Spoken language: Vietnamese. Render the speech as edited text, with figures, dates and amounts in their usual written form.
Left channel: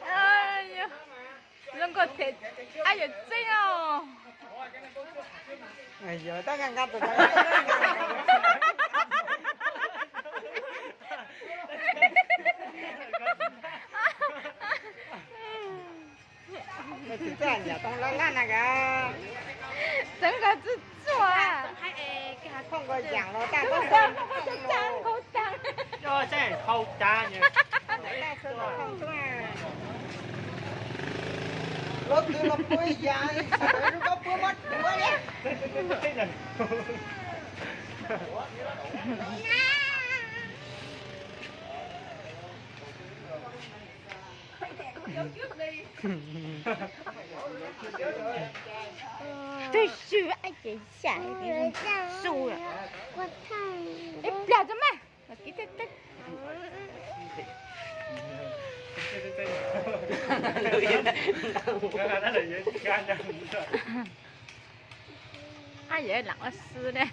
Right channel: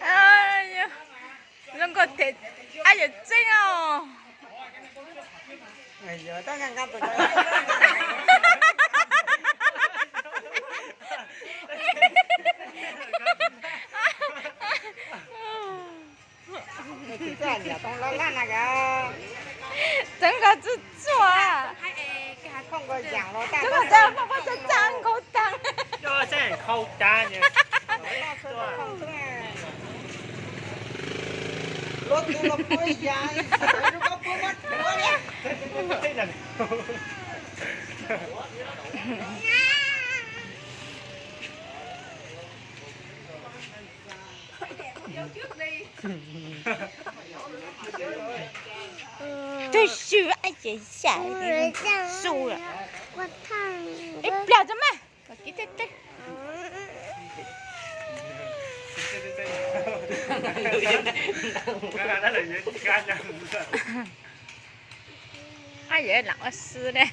Ai da. Lưng có thịt. Ai da trinh à. Ngày giờ ta ngang rồi đấy. Cái gì nhà tông lá này cả.整個都做啊！không có giảng nó ta có sao không có cho trăng khẩu trăng cho真係扣炸嘅。Lúc từ nó bơi dài, nó có bơi mất bơi nhé. Thế là tôi sửa ai chị xài thì xù rồi ít là cho mà cái tết tết ai vậy lặng ở xưa đây